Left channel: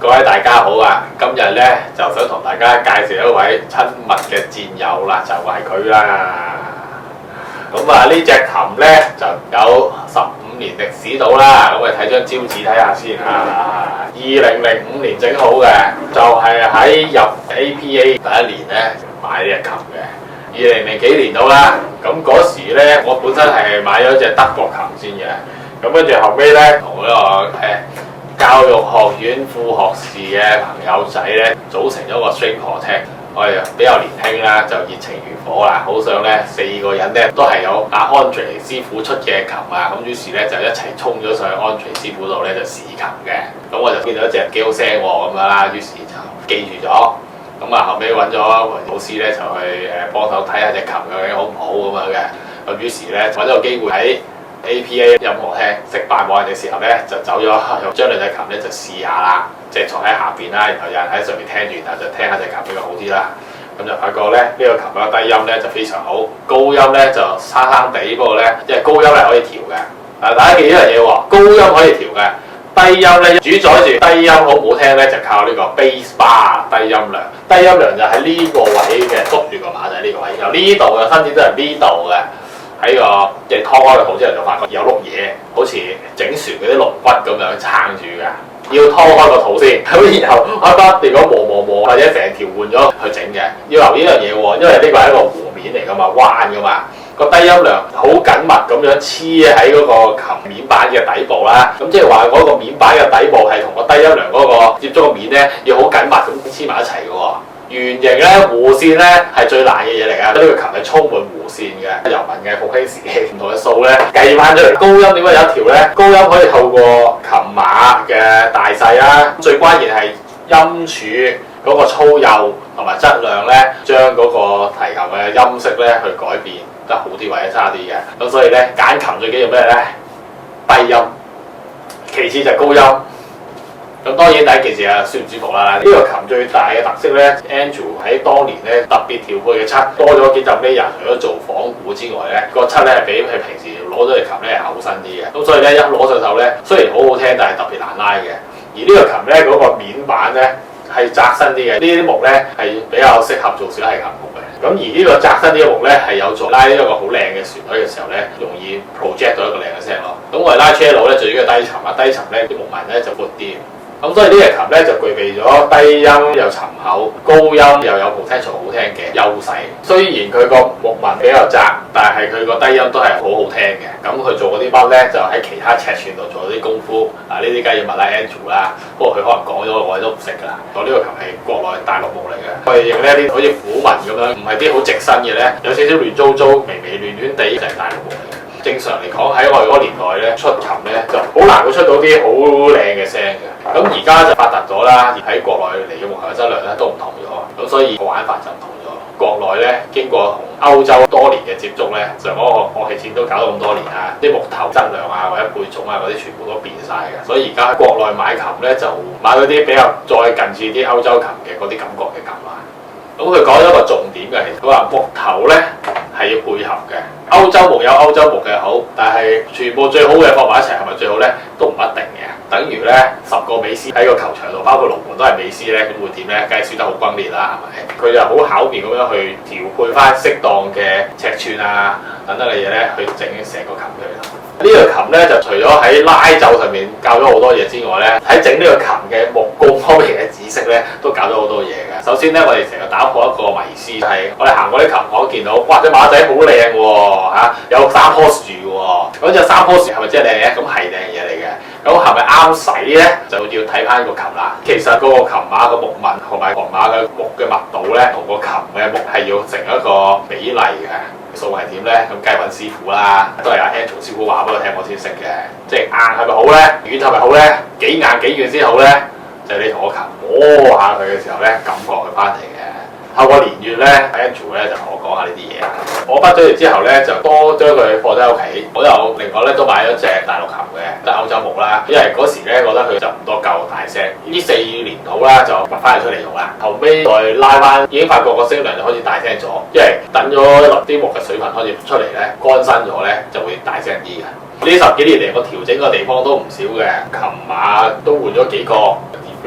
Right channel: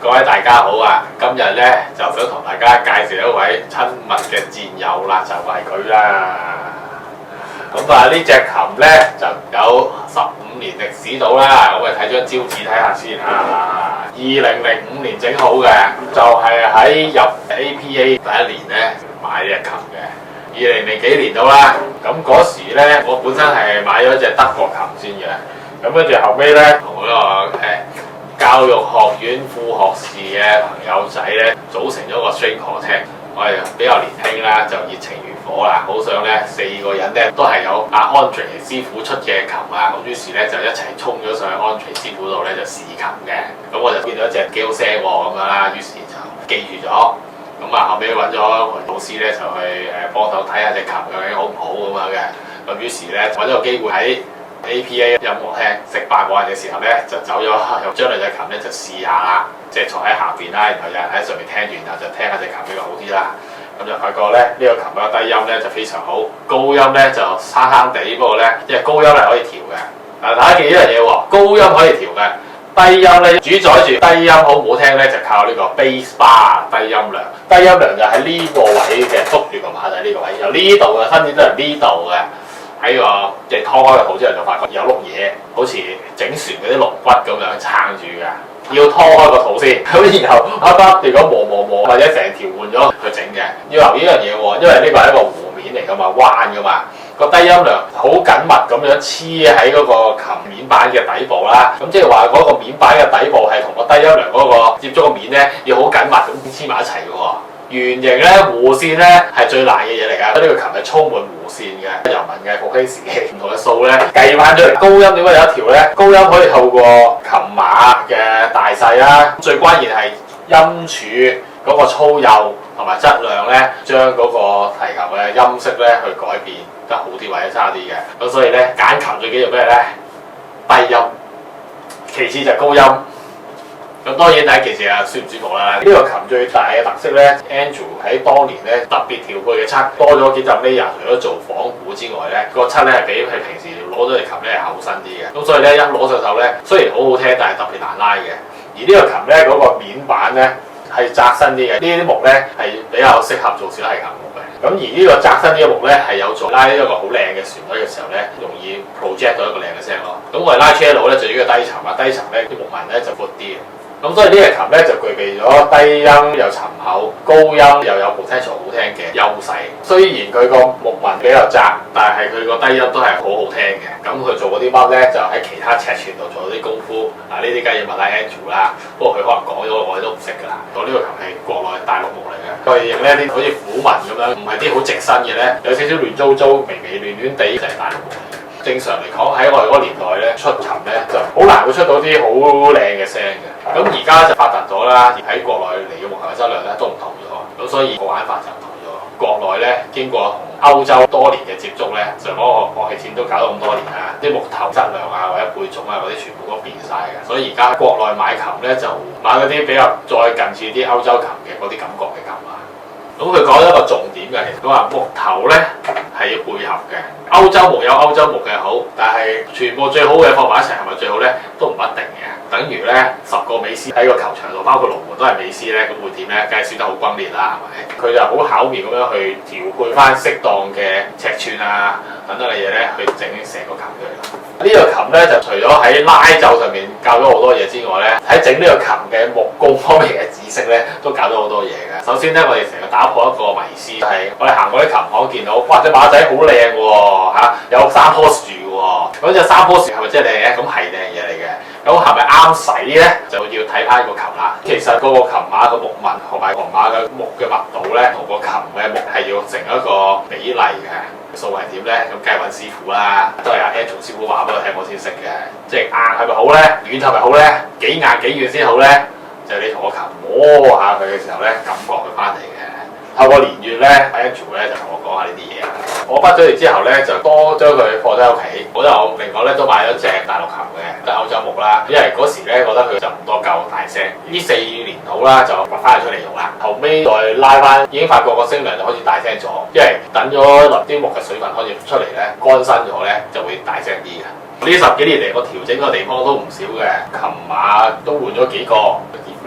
各位大家好啊！今日咧就想同大家介紹一位親密嘅戰友啦，就係佢啦。咁啊，呢隻琴咧就有15年歷史到啦。咁我哋睇張招紙睇下先啊。2005年整好嘅，就係喺入 APA 第一年咧買呢隻琴嘅。2000幾年到啦。咁嗰時咧，我本身係買咗隻德國琴先嘅。咁跟住後尾咧，同嗰個教育學院副學士嘅朋友仔咧，組成咗個 string quartet。我哋比較年輕啦，就熱情如火啦，好想咧4個人咧都係有阿 Andre 師傅出嘅琴啊，咁於是咧就一齊衝咗上去 Andre 師傅度咧就試琴嘅。咁我就見到一隻幾好聲喎咁樣啦，於是就記住咗。咁啊後尾揾咗老師咧就去幫手睇下隻琴究竟好唔好咁樣嘅。咁於是咧揾咗個機會喺APA 音樂廳食飯冇人嘅時候咧，就走咗將兩隻琴咧就試下啦，即係坐喺下邊啦，然後有人喺上面聽完，然後就聽下隻琴比較好啲啦。咁就發覺咧呢個琴嘅低音咧就非常好，高音咧就生生地，不過咧即係高音係可以調嘅。嗱，大家記呢樣嘢喎，高音可以調嘅，低音咧主宰住低音好唔好聽咧就靠呢個 bass bar 低音量。低音量就喺呢個位嘅，篤住個馬仔呢個位，由呢度嘅伸展都係呢度嘅。喺個即係拖開個肚之後就發覺有碌嘢，好似整船嗰啲龍骨咁樣撐住嘅，要拖開個肚先，咁然後如果磨或者成條換咗去整嘅，要留意呢樣嘢喎，因為呢個係一個弧面嚟噶嘛，彎噶嘛，個低音量好緊密咁樣黐喺嗰個琴面板嘅底部啦，咁即係話嗰個面板嘅底部係同個低音量嗰個接觸個面咧要好緊密咁黐埋一齊嘅喎。圓形咧弧線咧係最難嘅嘢嚟㗎，呢個琴係充滿弧線嘅。由文藝復興時期唔同嘅數咧計翻出嚟，高音點解有一條咧？高音可以透過琴碼嘅大細啦，最關鍵係音柱嗰個粗幼同埋質量咧，將嗰個提琴嘅音色咧去改變得好啲或者差啲嘅。咁所以咧揀琴最緊要咩咧？低音，其次就高音。咁當然第一件事啊，舒唔舒服啦？呢個琴最大嘅特色咧 ，Andrew 喺當年咧特別調配嘅漆多咗幾浸 layer，除咗做仿古之外咧，個漆咧係比佢平時攞咗嘅琴咧係厚身啲嘅。咁所以咧一攞上手咧，雖然好好聽，但係特別難拉嘅。而呢個琴咧嗰個面板咧係窄身啲嘅，呢啲木咧係比較適合做小提琴木嘅。咁而呢個窄身啲嘅木咧係有助拉呢一個好靚嘅旋律嘅時候咧，容易 project 到一個靚嘅聲咯。咁我哋拉 cello 咧最主要低沉啊，低沉咧啲木紋咧就闊啲。咁所以呢隻琴咧就具備咗低音又沉厚，高音又有 potential 好聽嘅優勢。雖然佢個木紋比較窄，但係佢個低音都係好好聽嘅。咁佢做嗰啲筆咧就喺其他尺寸度做咗啲功夫。呢啲梗係要問下 Andrew 啦。不過佢可能講咗我哋都唔識㗎啦。我呢個琴係國內大陸木嚟嘅，我哋認咧呢好似虎紋咁樣，唔係啲好直身嘅咧，有少少亂糟糟、微亂地就係大陸木嚟嘅。正常嚟講喺我哋嗰個年代咧出琴咧就好難會出到啲好靚嘅聲嘅。咁而家就發達咗啦，而喺國內嚟嘅木頭嘅質量咧都唔同咗，咁所以個玩法就唔同咗。國內咧經過同歐洲多年嘅接觸咧，上嗰個樂器展都搞咗咁多年啦，啲木頭質量啊或者配種啊嗰啲全部都變晒嘅，所以而家喺國內買琴咧就買嗰啲比較再近似啲歐洲琴嘅嗰啲感覺嘅琴啊。咁佢講咗一個重點嘅，其實佢話木頭咧係要配合嘅。歐洲木有歐洲木嘅好，但係全部最好嘅放埋一齊係咪最好咧？都唔一定嘅。等於咧10個美斯喺個球場度，包括龍門都係美斯咧，咁會點咧？梗係輸得好轟烈啦，係咪？佢就好巧妙咁樣去調配翻適當嘅尺寸啊等等嘅嘢咧，去整成個琴佢。呢個琴咧就除咗喺拉奏上面教咗好多嘢之外咧，喺整呢個琴嘅木工方面嘅知識咧，都教咗好多嘢嘅。首先咧，我哋成日打破一個迷思，就係我哋行過啲琴行見到，哇！隻馬仔好靚喎，有3棵樹喎，咁隻3棵樹係咪真係靚嘅？咁係靚嘢嚟嘅。咁係咪啱使咧？就要睇翻個琴啦。其實嗰個琴碼嘅木紋同埋琴碼嘅木嘅密度咧，同個琴嘅木係要成一個比例嘅。數係點咧？咁梗係揾師傅啦，都係阿 Andrew 師傅話俾我聽，我先識嘅。即係硬係咪好咧？軟係咪好咧？幾硬幾軟先好咧？就係你同個琴摸下佢嘅時候咧，感覺佢翻嚟嘅。透過年月咧 ，Andrew 咧就同我講下呢啲嘢啦。我畢咗業之後咧，就多將佢放咗喺屋企。我又另外咧都買咗隻大陸琴嘅，就歐洲木啦。因為嗰時咧覺得佢就唔多夠大聲。呢4年好啦，就掘翻佢出嚟用啦。後尾再拉翻，已經發覺個聲量就開始大聲咗。因為等咗啲木嘅水分開始出嚟咧，乾身咗咧就會大聲啲嘅。呢10幾年嚟，我調整嘅地方都唔少嘅，琴碼都換咗幾個。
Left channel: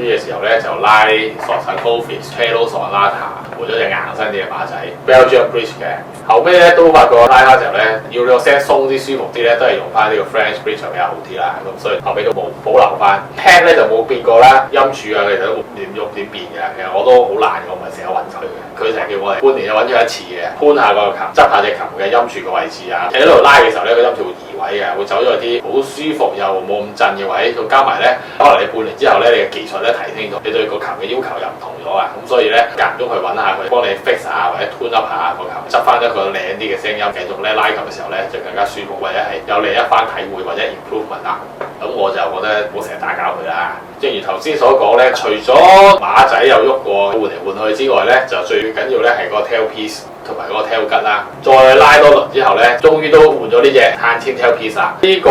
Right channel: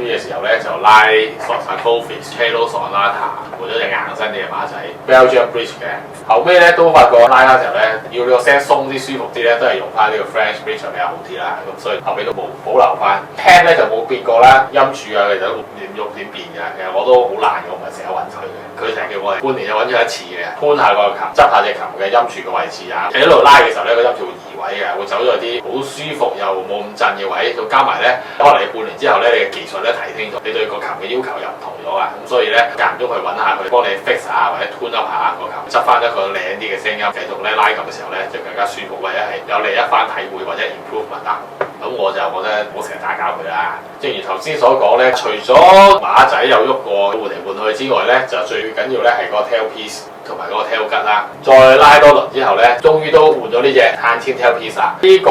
跟住嘅時候咧就拉索薩高菲斯、Cello Sonata 換咗隻硬身啲嘅馬仔 Belgian Bridge 嘅。後尾咧都發覺拉嘅時候咧要個聲鬆啲舒服啲咧，都係用翻呢個 French Bridge 比較好啲啦。咁所以後尾都冇保留翻。聽咧就冇變過啦，音柱啊其實都點喐點變嘅。其實我都好懶嘅，我唔係成日揾佢嘅。佢成日叫我哋半年就揾咗一次嘅，搬下個琴，執下隻琴嘅音柱個位置啊。喺度拉嘅時候咧個音柱會移位嘅，會走咗啲好舒服又冇咁震嘅位。再加埋咧，可能你半年之後咧，你嘅技術咧提升咗，你對個琴嘅要求又唔同咗啊。咁所以咧間唔中去揾下佢，幫你 fix 下或者 tune up 下個琴，執翻一個靚啲嘅聲音，繼續咧拉琴嘅時候咧就更加舒服，或者係有另一番體會或者 improvement 啦。咁我就覺得唔好成日打攪佢啦。正如頭先所講咧，除咗馬仔有喐過換嚟換去之外咧，就最緊要咧係個 tailpiece 同埋嗰個 tail 吉啦。再拉多輪之後咧，終於都換咗呢隻碳纖 tailpiece 啦。呢個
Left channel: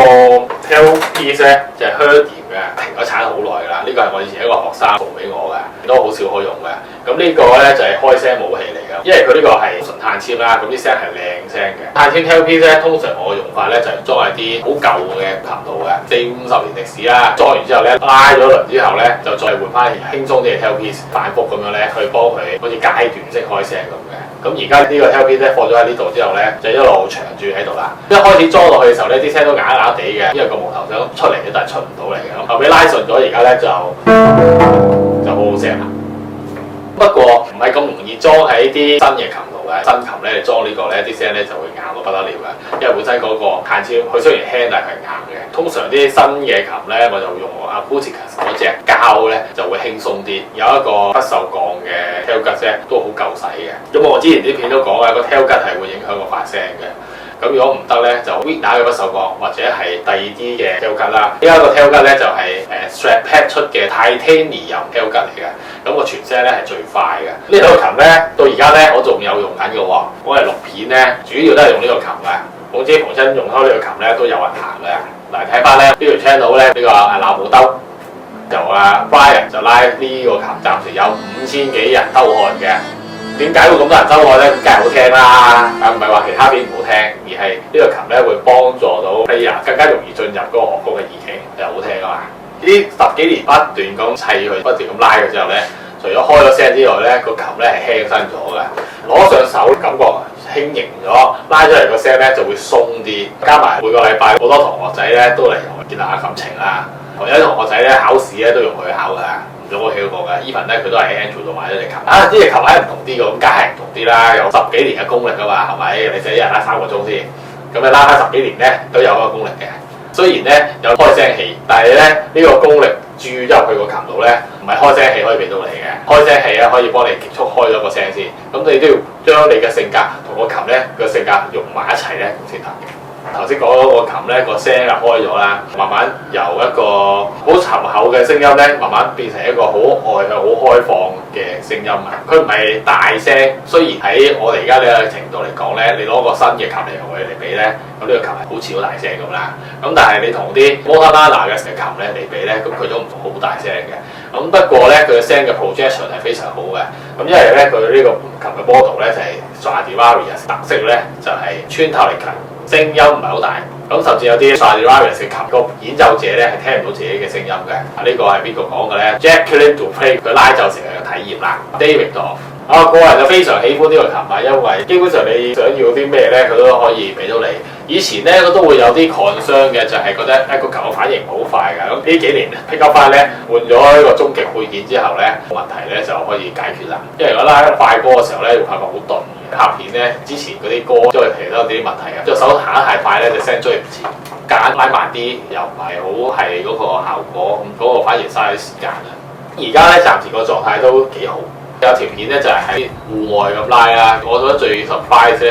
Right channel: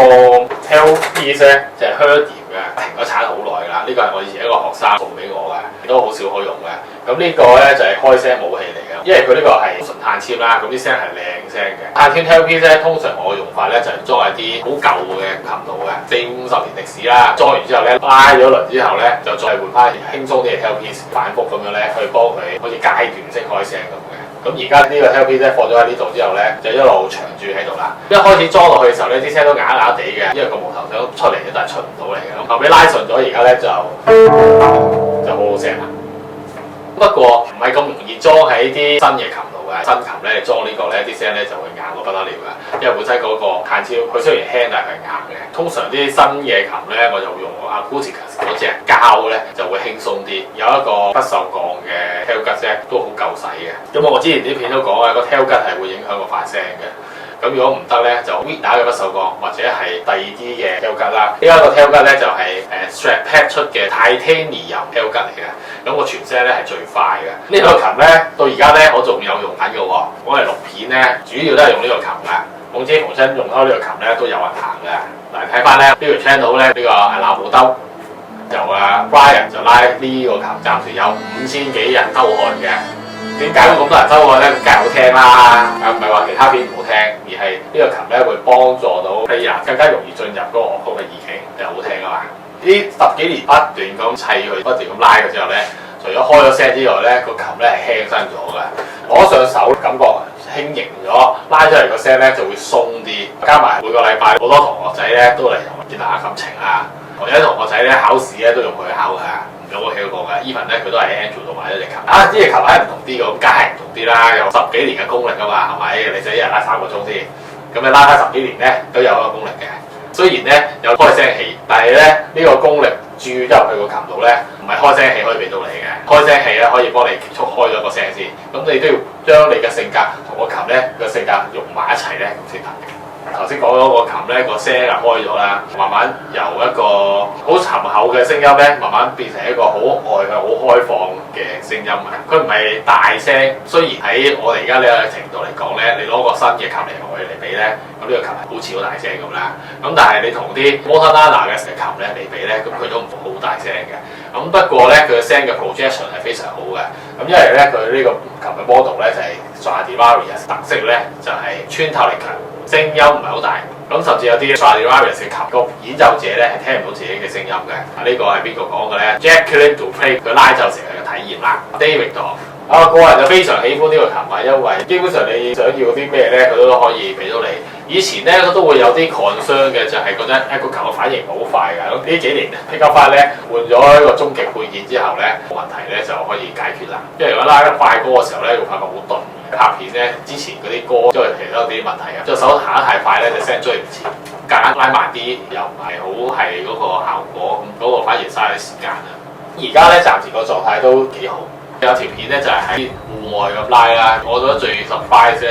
tailpiece 咧就係 Herdium 嘅，停咗產好耐㗎啦。呢個係我以前一個學生送俾我嘅，都好少可用嘅。咁呢個咧就係開聲武器嚟嘅，因為佢呢個係純碳纖啦，咁啲聲係靚聲嘅。碳纖 tailpiece 咧，通常我嘅用法咧就係裝喺啲好舊嘅琴度嘅，40-50年歷史啦。裝完之後咧，拉咗輪之後咧，就再換翻輕鬆啲嘅 tailpiece，反覆咁樣咧去幫佢好似階段式開聲咁嘅。咁而家呢個 tailpiece 咧放咗喺呢度之後咧，就一路長住喺度啦。一開始裝落去嘅時候咧，啲聲都啞啞地嘅，因為個無頭想出嚟咧，但係出唔到嚟嘅。咁後尾拉順咗，而家咧就好好聲啦。不過唔係咁容易裝喺啲新嘅琴度嘅，新琴咧你裝呢個咧啲聲咧就會硬到不得了嘅，因為本身嗰個碳纖佢雖然輕但係佢係硬嘅。通常啲新嘅琴咧我就用 Acousticus 嗰隻膠咧就會輕鬆啲，有一個不鏽鋼嘅 tail 吉啫，都好夠使嘅。咁我之前啲片都講啊，個 tail 吉係會影響個發聲嘅。咁如果唔得咧，就 Wigner 嘅不鏽鋼或者係第二啲嘅 tail 吉啦。呢一個 tail 吉咧就係Strat-Pet 出嘅 Titanium tail 吉嚟嘅。咁個傳聲咧係最快嘅。呢套琴咧到而家咧我仲有用緊嘅喎，我係錄片咧主要都係用呢個琴嘅。總之逢親用開呢個琴咧都有人彈嘅。嗱睇翻咧呢條 channel 咧呢個鬧冇兜，由Brian 就拉呢個琴，暫時有5000幾人收看嘅。點解會咁多人收看咧？梗係好聽啦，唔係話其他片唔好聽，而係呢個琴咧會幫助到 player 更加容易進入嗰個樂曲嘅意境，就好聽啊嘛！呢10幾年不斷咁砌佢，不斷咁拉嘅之後咧，除咗開咗聲之外咧，個琴咧係輕身咗嘅，攞上手感覺輕盈咗，拉出嚟個聲咧就會鬆啲。加埋每個禮拜好多同學仔咧都嚟同我建立下感情啦。我有啲同學仔咧考試咧都用佢考㗎。用我企過嘅 ，even 咧佢都係 Andrew 度買咗隻琴。呢隻琴係唔同啲嘅，咁梗係唔同啲啦，有10幾年嘅功力㗎嘛，係咪？你使一日拉3個鐘先，咁你拉翻10幾年咧都有一個功力嘅。雖然咧有開聲器，但係咧呢個功力注入去個琴度咧，唔係開聲器可以俾到你嘅。開聲器咧可以幫你急速開咗個聲先，咁你都要將你嘅性格同個琴咧個性格融埋一齊咧先得嘅。頭先講咗個琴咧個聲啊開咗啦，慢慢由一個好沉厚嘅聲音咧，慢慢變成一個好外向、好開放嘅聲音啊！佢唔係大聲，雖然喺我哋而家呢個程度嚟講咧，你攞個新嘅琴同佢嚟比咧，咁呢個琴係好似好大聲咁啦。咁但係你同啲 Montanana 嘅琴咧嚟比咧，咁佢都唔好大聲嘅。咁不過咧，佢嘅聲嘅 projection 係非常好嘅。咁因為咧，佢呢個琴嘅 model 咧就係 Stradivarius， 特色咧就係穿透力強。聲音唔係好大，咁甚至有啲 Stradivarius 嘅琴個演奏者咧係聽唔到自己嘅聲音嘅。呢個係邊個講嘅咧 ？Jacqueline du Pré 佢拉奏成為嘅體驗啦。David 我個人就非常喜歡呢個琴啊，因為基本上你想要啲咩咧，佢都可以俾到你。以前咧都會有啲 concern 嘅，就係覺得個琴嘅反應唔好快嘅。咁呢幾年 pick up 翻咧換咗一個終極配件之後咧，問題咧就可以解決啦。因為如果拉得快歌嘅時候咧，會發覺好鈍。拍片咧之前嗰啲歌，因為其實都有啲問題嘅，隻手行得太快咧，隻聲追唔前；夾硬拉慢啲，又唔係好係嗰個效果，咁嗰個反而嘥時間啦。而家咧暫時個狀態都幾好，有條片咧就係喺戶外咁拉啦。我覺得最 surprise 咧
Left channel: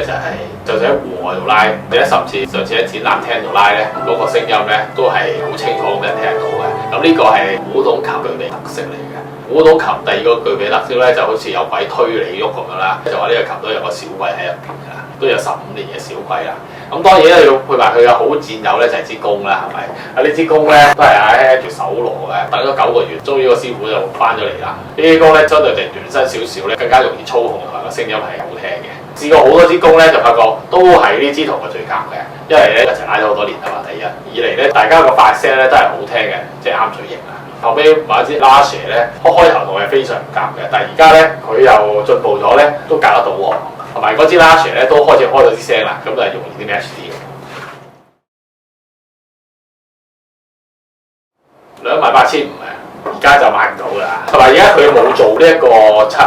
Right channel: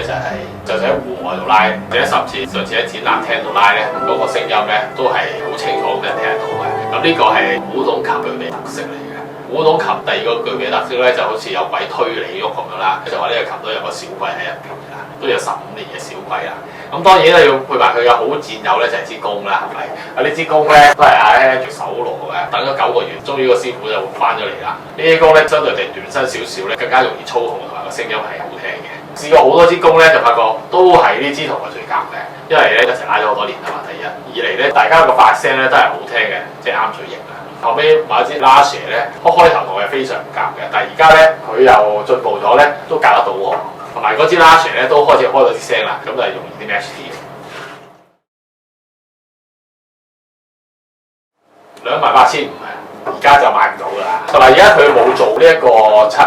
就喺戶外度拉，而且甚至上次喺展覽廳度拉咧，嗰個聲音咧都係好清楚咁人聽得到嘅。咁呢個係古董琴嘅特色嚟嘅。古董琴第二個具備特色咧，就好似有鬼推你喐咁樣啦，就話呢個琴都有個小櫃喺入邊㗎，都有15年嘅小櫃啦。咁當然咧要配埋佢嘅好戰友咧，就係支弓啦，係咪？呢支弓咧都係喺住手攞嘅，等咗9個月，終於個師傅就翻咗嚟啦。呢支弓咧相對地短身少少咧，更加容易操控同埋個聲音係好聽嘅。試過好多支弓咧，就發覺都係呢支同佢最夾嘅，因為咧一齊拉咗好多年啊嘛。第一，二嚟咧大家個發聲咧都係好聽嘅，即係啱嘴型啊。後尾買支拉蛇咧，開頭同我係非常唔夾嘅，但係而家咧佢又進步咗咧，都夾得到喎。同埋嗰支拉蛇咧都開始開到啲聲啦，咁就係容易啲 match 啲。28,500啊，而家就買唔到㗎啦。同埋而家佢冇做呢一個漆，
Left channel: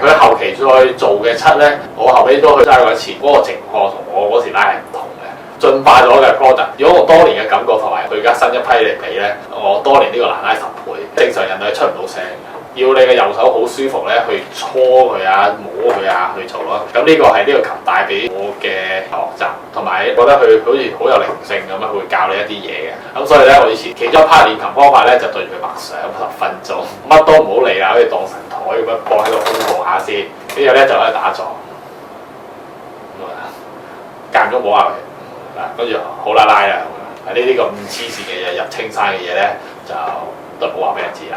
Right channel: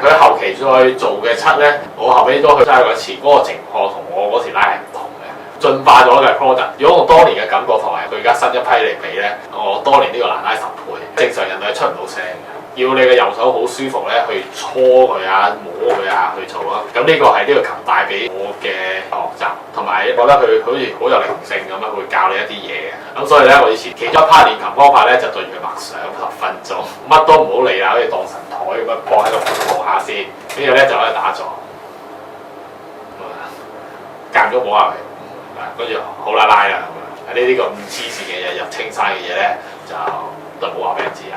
佢後期再做嘅漆咧，我後尾都去揸過一次，嗰個情況同我嗰時拉係唔同嘅，進化咗嘅 product。如果我當年嘅感覺同埋佢而家新一批嚟比咧，我當年呢個難拉10倍，正常人類係出唔到聲嘅。要你嘅右手好舒服咧，去搓佢啊、摸佢啊去做咯。咁呢個係呢個琴帶俾我嘅學習，同埋覺得佢好似好有靈性咁樣，會教你一啲嘢嘅。咁所以咧，我以前其中一 part 練琴方法咧，就對住佢默想10分鐘，乜都唔好理啦，好似當神台咁樣放喺度空望下先，跟住咧就喺度打坐，間咗摸下佢，跟住好啦拉啦。呢啲咁黐線嘅嘢入青山嘅嘢咧，就都唔好話俾人知啦。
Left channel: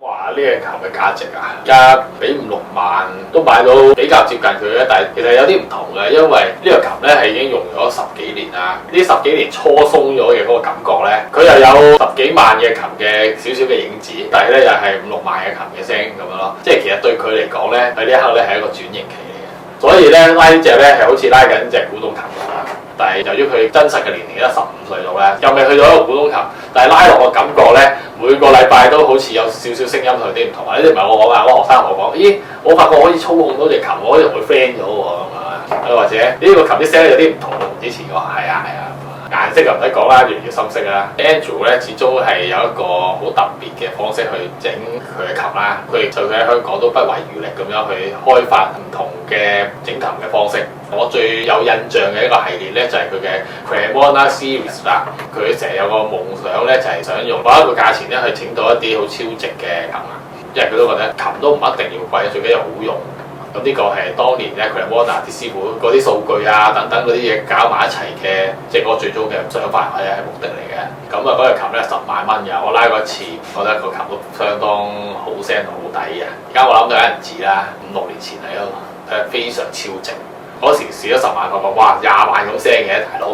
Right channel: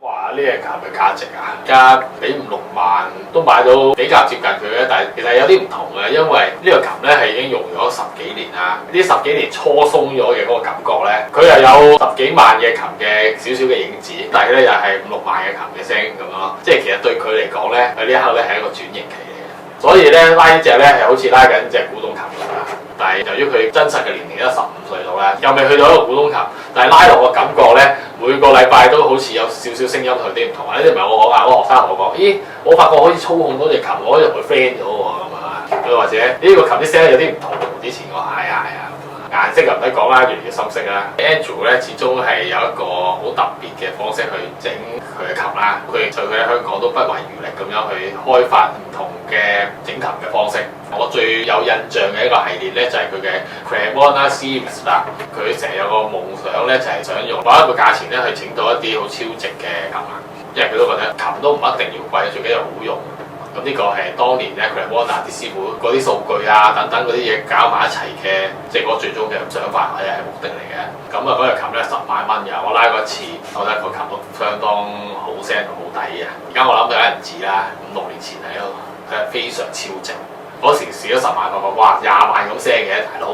哇！呢隻琴嘅價值啊，而家俾5、6萬都買到比較接近佢嘅，但係其實有啲唔同嘅，因為呢個琴咧係已經用咗10幾年啦。呢10幾年初鬆咗嘅嗰個感覺咧，佢又有10幾萬嘅琴嘅少少嘅影子，但係咧又係5、6萬嘅琴嘅聲咁樣咯。即係其實對佢嚟講咧，喺呢一刻咧係一個轉型期嚟嘅。所以咧拉呢隻咧係好似拉緊隻古董琴咁啦。但係由於佢真實嘅年齡得15歲度咧，又未去到一個古董琴，但係拉落個感覺咧，每個禮拜都好似有少少聲音同啲唔同啊！呢啲唔係我講啊，我學生同我講，咦，我發覺可以操控到隻琴，我可以同佢 friend 咗喎咁啊！又或者呢個琴啲聲有啲唔同，同之前我話係啊。顏色就唔使講啦，越嚟越深色啦。Andrew 咧始終係有一個好特別嘅方式去整佢嘅琴啦。佢就喺香港都不遺餘力咁樣去開發唔同嘅整琴嘅方式。我最有印象嘅一個系列咧就係佢嘅 Cremona Series 啦。佢成日有個夢想咧就係想用某一個價錢咧去整到一啲好超值嘅琴啊，因為佢都覺得琴都唔一定要貴，最緊要好用。咁呢個係當年咧 Cremona 啲師傅嗰啲數據啊等等嗰啲嘢搞埋一齊嘅，即係嗰最終嘅想法或者係目的嚟嘅。咁啊嗰隻琴咧10萬蚊嘅，我拉過一次，我覺得個琴都相當好聲同好抵嘅。而家我諗就有人知啦，5、6年前喺度係非常超值。嗰時試咗10萬，發覺哇20萬咁聲嘅大佬，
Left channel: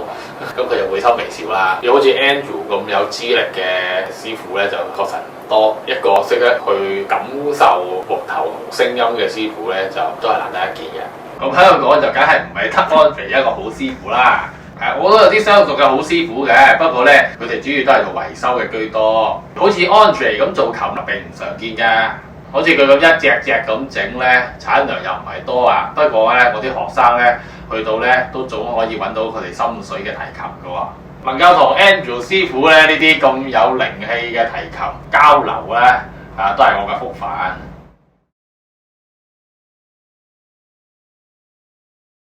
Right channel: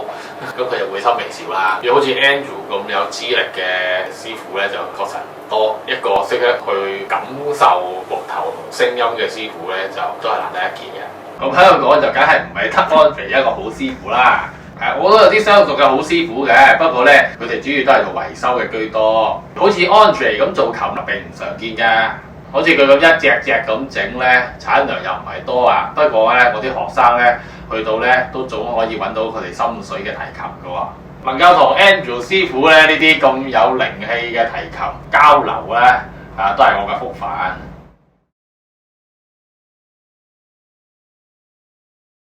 咁佢就會心微笑啦。要好似 Andrew 咁有資歷嘅師傅咧，就確實唔多。一個識得去感受木頭同聲音嘅師傅咧，就都係難得一見嘅。咁喺度講就梗係唔係得 Andre 一個好師傅啦。我都有啲相熟嘅好師傅嘅，不過咧佢哋主要都係做維修嘅居多。好似 Andre 咁做琴並唔常見㗎。好似佢咁一隻隻咁整咧，產量又唔係多啊。不過咧，我啲學生咧去到咧都總可以揾到佢哋心水嘅提琴㗎喎。能夠同 Andrew 師傅咧呢啲咁有靈氣嘅提琴交流咧，都係我嘅福分。